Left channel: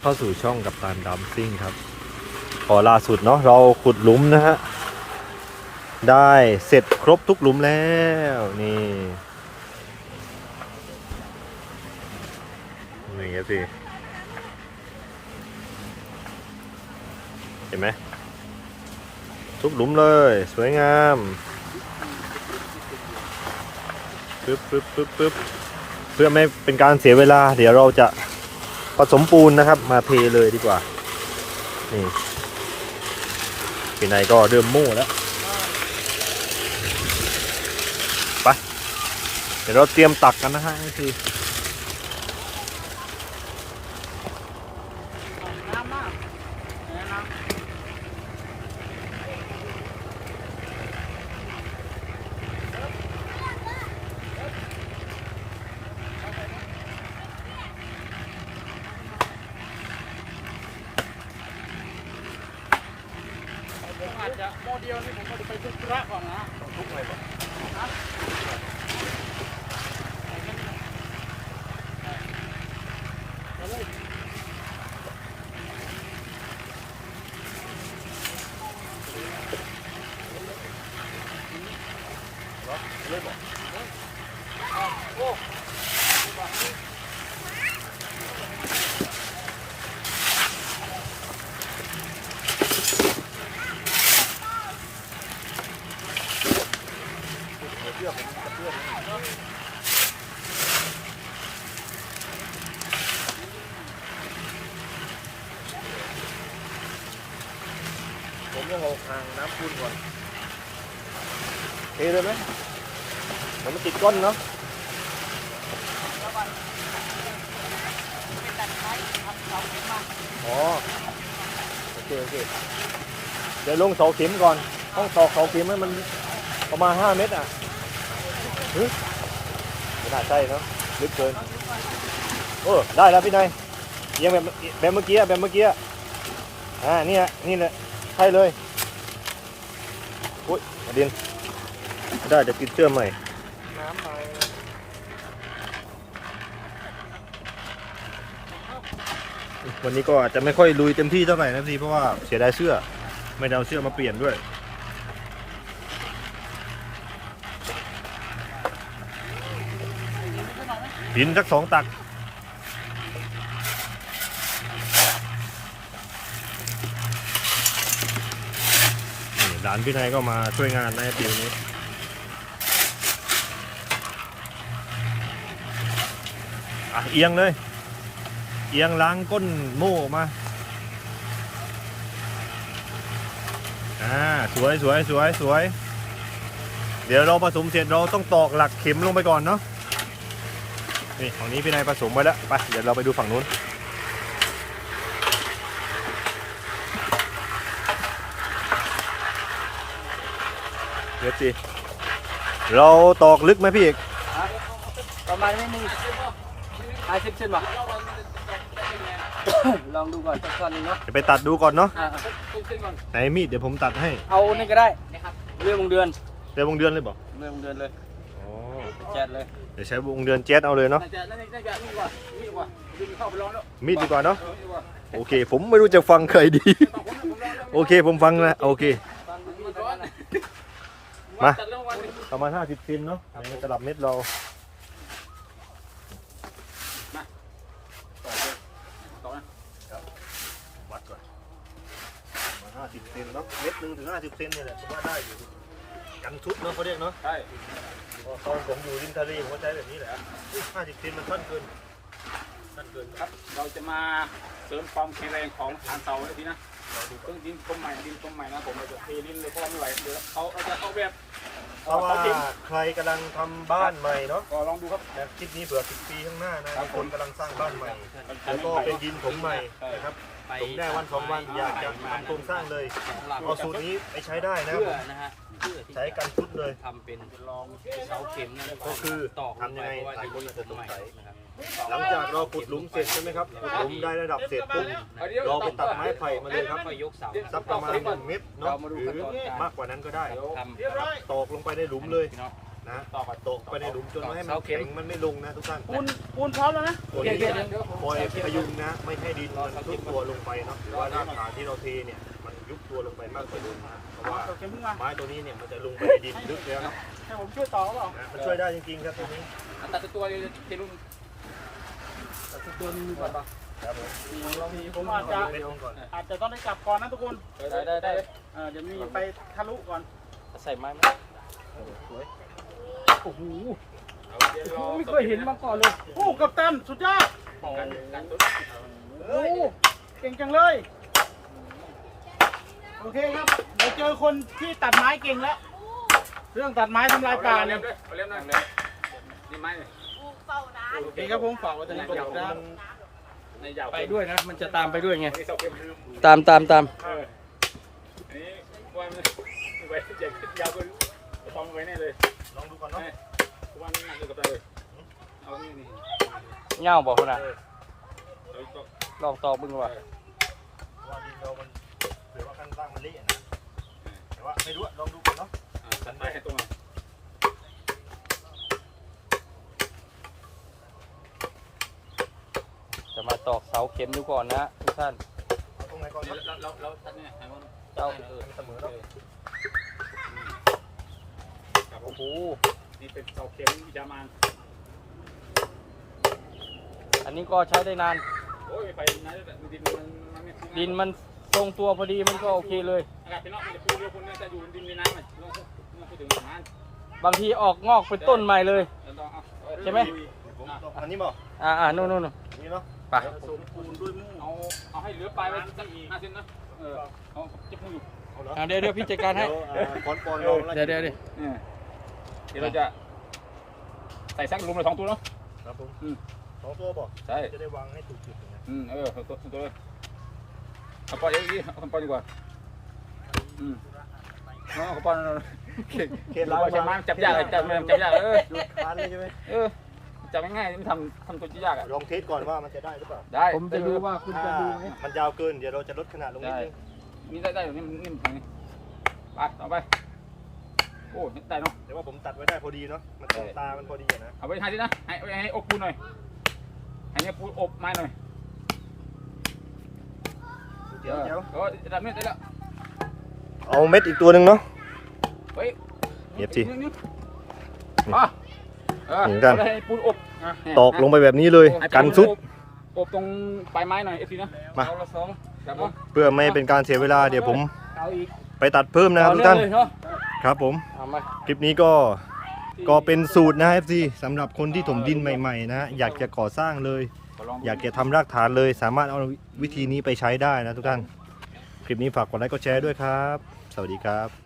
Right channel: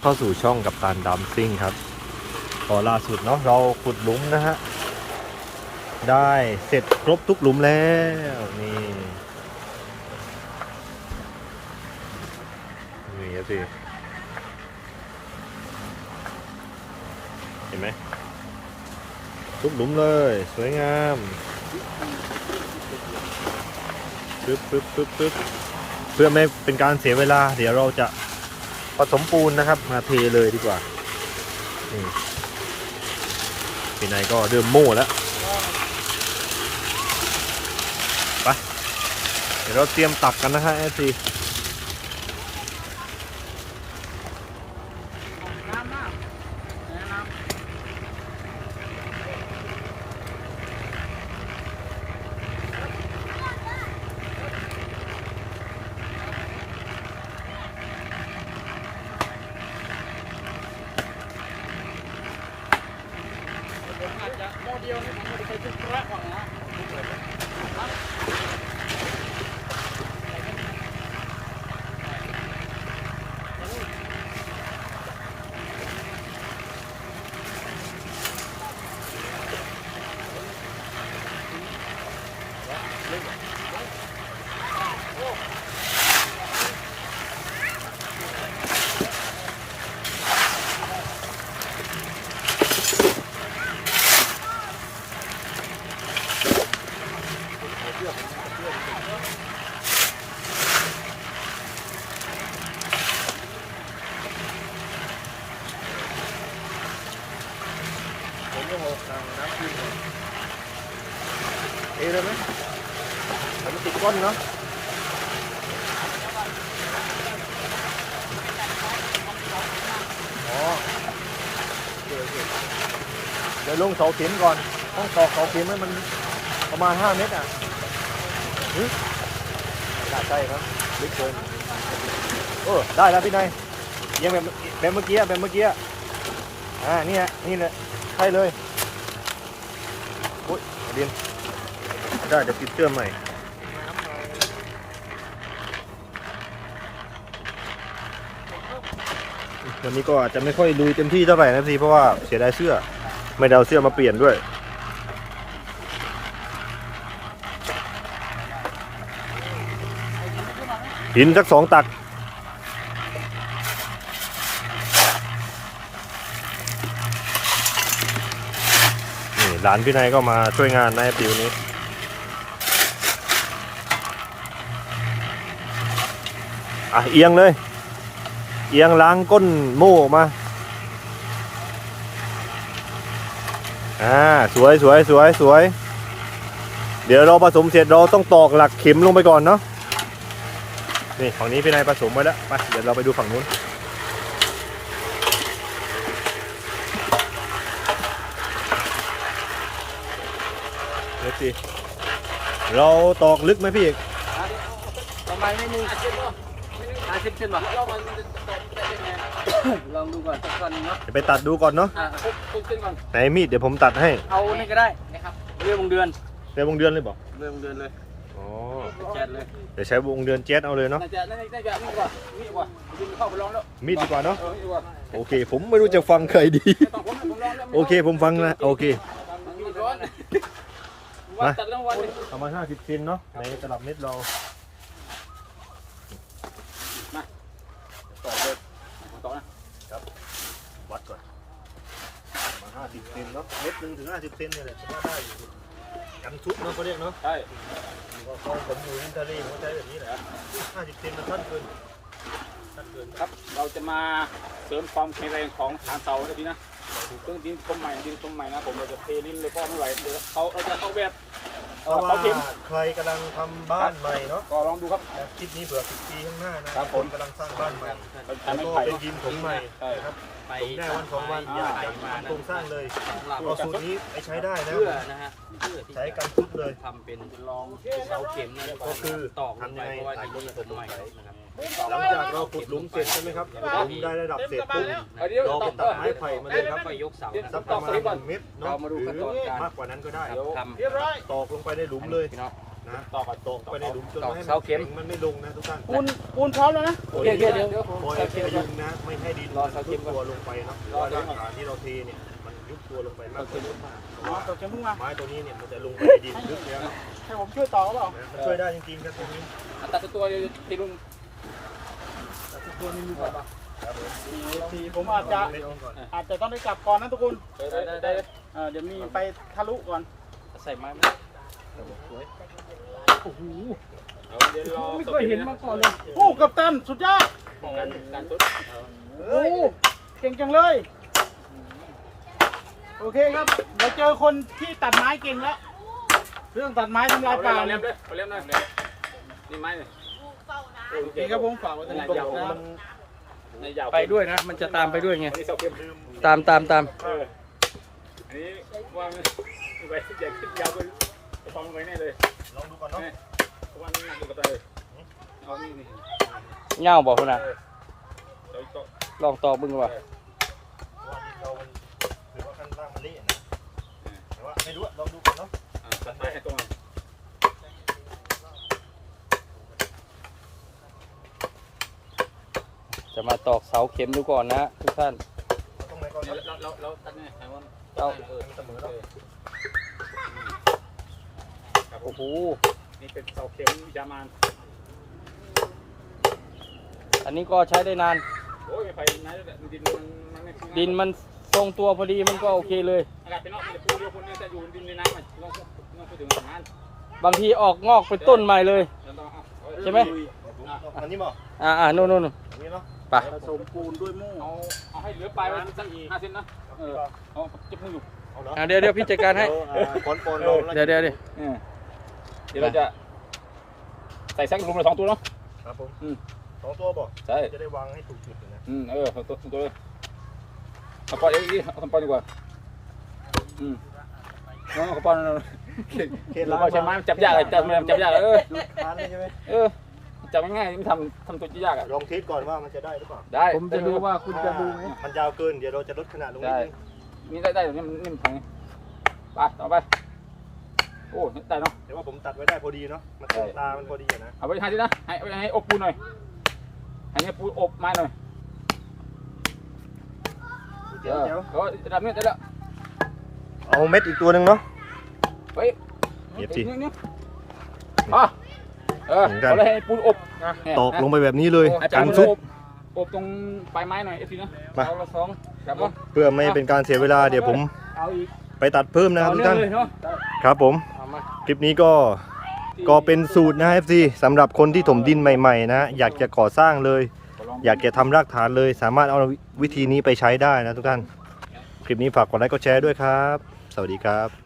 เข้าสู่ช่องกับตานดำซิ่งครับพอล่าสุดเนาะเราขุดหลุมนะฮะ ได้เสร็จครบทุกหลุมแล้ว นี่นี่ครับสิเห็นไหมทุกหลุมเลย สวยงามปึ๊บปึ๊บปึ๊บปึ๊บเพื่อไม่เป็นการเสียเวลา เดี๋ยวเราจะ ผสมปูนนะครับ มาเทเลยดีกว่านี่ที่ไหนก็เริ่มโม่แล้วไปเดี๋ยวเราเตรียมตักกันนะฮะทีมอาจจะโม เดียวนี่ผมอาจะไปขึ้นเคระก่อนนะผมต้อนนะก่อนเอเลยไหมมันจะติดก้นนะอ๋อโอเคโอเคเดี๋ยวลงเสาเข็มก่อนต้องตอกเสาเข็มให้มันประ มาณห้าเมตรอะเฮ้ยใช่ครับลึกเกินโอ้ได้แล้วพี่นายเอียังแบบแบบเมื่อกี้ อะแบบเมื่อกี้อะอ่าเนี่ยนี่เนี่ยใช่เลยโอ้ยเรียนได้จะติดเชื่อมใหม่วันนี้ก็อาจจะไม่ค่อยลุยเต็มที่เท่าไหร่นะพี่เพราะว่าเสียดายเสื้อ ไม่ได้เอาเสื้อมาเปลี่ยนด้วยหินสักสองตัก หลานพี่นายก็มาช่วยงานในปีนี้อะเอียงเลย เอียงล้างก้นโม่ออกมาอ่าสวยสวยสวยสวย เดี๋ยวเราผสมเสร็จเราต้องตอกหลักเข็มลงไปก่อนเนาะนี่ฝั่งนี้พี่นายผสมไว้แล้วไปเดี๋ยวเราไปดูฝั่งนู้น เดี๋ยวสิเราตอกลึกไหมพี่เอกประมาณนี้มีห้าสิบเซนป่ะลองดูก่อนสักคนนึงเนาะเดี๋ยวไปตัดดูก่อนเนาะอ่าเอาเส้นก่อนไหนมีดเดี๋ยวผมตัดให้ เอานี่ก็ได้นะครับเรื่องวงเดือนใช้วงเดือนเลยบอกเรื่องวงเดือนเลยอ๋อแจ๊ดเลยเดี๋ยวใช้วงเดือนเจ็ตเอาเลยเนาะน่าจะน่าจะน่าจะนี่ก่อนมีดว่ะดึงเข้าไปลองแล้วมีดดีกว่าเนาะเออดีกว่าโอเค ผมไม่รู้จะฟังใครดีผมผมลองแล้วโอเคผมฟังนะโอเค ตอนมีดตอนนั้นน่ะ มาจัดรางวัลเลยประมาณ50เซนเนาะในตลับเม็ดเราต่อเลยต่อนะวัดก่อนประมาณ50เซนเนาะเม็ดหนึ่งถึง50เซนเนี่ยแหละผมว่าได้อยู่กันชุดเนาะเขาเรียกเนาะใช่ตอนผมอยู่ริมทะเลผมก็ใช้แบบนี้แหละ50เซนมันสั้นเกินสั้นเกินครับเราจะมาเสริมความแข็งแรงของทางเสาก็ดีนะ ซึ่งดินคมใหม่ดินคมใหม่นะผมเราจะเทดินเลยก็ไม่ไหวเดี๋ยวเขาเอาจะเขาแบบเพราะว่าใครกำลังทำบ้านใหม่เนาะก็ลองดูครับ และคลิปนี้เผื่อ10ปีข้างหน้านะครัมีบคนกำลังสร้างบ้านใหม่ แล้วก็เป็นดินถมใหม่นะครับไปถมได้วันสองวันอยากจะทำโครงสร้างเลยสองหลักเอาสูตรนี้ไปใช้ได้นะเพื่อนะฮะเพื่อที่ใช้จะกันชุดเลย ทำเป็นเสาเข็มนะทุกก็คือตอกลงไปทำยังไงเพราะว่าหลายดินคนนี้อาจผจะมสงใหม่สัยนะครับ หลังจากเราขุดหลุมเสร็จใช่ไหมครับขุดหลุมได้ระดับเสร็จปุ๊บเราไปตัดไม้ไผ่มาเลยครับก็ยกเสาสักประมาณหนึ่งเมตรเนาะหรือมากกว่านั้นก็ได้ครับทตอกลงไปในหลุมเลยำพี่น้องนะตอกตกไปในหลุมจนไม่ให้มันแข็งมันไม่ลงนะทุกท่านปูนปูนพร้อมแล้วนะตัวนี้จะคอยพยุงนะ ไม่ให้ดินมันทุบตัวลงไปเนาะหรือว่ารากฐานที่เราเทเนี่ยมันยุบตัวลงไปมากกว่าเดิมนะเพราะว่าตกเข็มเพิ่งมาไม้ตัวนี้เนี่ยมันจะลงไปในดินลึกแล้วเนาะให้ผมช่วยต่อเปล่านะมันช่วยได้จริงๆครับตัวนี้ตัดตัวที่ลุงแต่ตัวนึงดูก่อนป่ะครับผมลองผมอาจจะเม็ดลงก่อนอาจจะต้องได้กลับก่อนนะทุกคนได้ได้ได้เออเดี๋ยวมีไปทะลุก่อนใส่ไม้ไหมโอ้โหไม่เคยเห็นมาก่อนเลยโอ้กัปตันสุดยอดโอ้โหเก่งจังเลยโอเคครับเราเจอคนที่ตัดไม้เก่งแล้ว เรื่องตัดไม้ทำลายป่าเนี่ยเล่นนะนี่ไม้เนี่ย โอเคครับผมฝากไว้ตรงนี้ก่อนครับไปด้วยนะ มันจะตามไปด้วยไง ตามตามตามอันนี้ว่ามันไว้ใหญ่ขึ้นยาวกว่าฟองไว้แน่เลย ลองดูก่อนเนาะเพราะว่ามันหนักอยู่กับตาเลยเอานี่นี่เง่าบอกขนาดต่อต่อลองต่อบึงว่ะเพราะว่าดินเรามันเผื่อว่าข้างล่างมันเละนะแต่ว่าไม่รู้อะลองดูก่อนเนาะอ่าตัดไม้ให้ตรงอะ จะมาตอกเสาเข็มดูก่อนนะทุกท่านเอาตรงไหนก่อนครับเราเราเราตัดเนี่ยให้มันตัดให้เออให้มันเสมอเนาะครับผมโอ้โหนี่เป็นเสาเข็มวิจามานอันนี้ก็ใช้ได้นาน โอ้ยไม่ไปไหนเลยดินมันมันไม่ดินมันทรงตัวพอดีมันก็โอเคเลยอากาศเป็นนอกมันจะพูเรียวคนเนี่ยจะอยู่ดินในน้ำมันต้องต้องพูดถึงน้ำบางทีออกงอกเป็นต้นใหม่เลยแล้วต้องเอาใช่ไหมเดี๋ยวผมเอาอันนี้บ่อ่าอ่าโน่นโน่นอันนี้เนาะ ไปผสมปูนด้วยมู่เอาเอาให้เหลือปลายไว้สักห้าเซนนะเออเอาเจ็บมืออยู่เอาเหรออ่าเดี๋ยวเดี๋ยวพี่จัดการให้เดี๋ยวอ่าก้อนปอนเราเดี๋ยวเดี๋ยวเดี๋ยว เออเดี๋ยวเราจะใส่สักลุงละสองตัวเนาะ ครับผมอืม สองตัวบ่ใช่ จะได้วางให้ถูกจุดอยู่นะอืมเออตัวตัวตัวเอาปอนเองดิเอาปอนดีกว่าอืมน้องเอาปอนเขตล้างใช่ไหมมาจับยากเลยจับจับยากเลยเออดูดคานเลยใช่ไหมเออ จับง่ายๆไม่ทำทำตัวยากอะลองเทสก่อนว่ามันจะได้หรือเปล่าได้ผมจะดูว่าคุณจะดูไหม มันยาวเกินเดี๋ยวเราจะลดขนาดลงนิดนึงนี่ได้ได้นี่มันนี่มันแข็งไปต่อไป โอ้ได้เนาะ แต่ว่าผมตัดไว้ได้พอดีเนาะมันตรงตามันพอดีอะนะเอาไว้ให้ดินะ ให้เอาไว้ให้อบปูนหน่อย ให้เนี่ยปูนอบไม้หน่อยเจ๋วเจ๋วก็รับเนี่ยได้แล้ว เอาเม็ดอีกตัวหนึ่งเนาะเฮ้ยเย็บสิ นี่นี่อะเออ เหมือนกันเอาไปให้ปูนอบเนี่ยตอกลงไปแบบนี้เลยให้กันซุดอบอบตรงปลายไม้หน่อยไอ้ทีนะมา เอาละสองครับผมเพื่อไม่เป็นการเสียเวลาเดี๋ยวผมเอาอีกไปตัดเพิ่มนะครับเอาทุกเนื่อท่างนเลยเนาะครับผม เอามาคลิปนี้ก็ก็เป็นสูตรนะ FC สำหรับคนที่ถมดินใหม่ๆนะ อยากจะก่อสร้างเลย อยากจะทำรากฐานเลย สามารถเอาวิธีนี้ไปใช้ได้นะทุกท่าน คลิปนี้ฝากกดไลค์กดแชร์ด้วยครับ สวัสดีครับ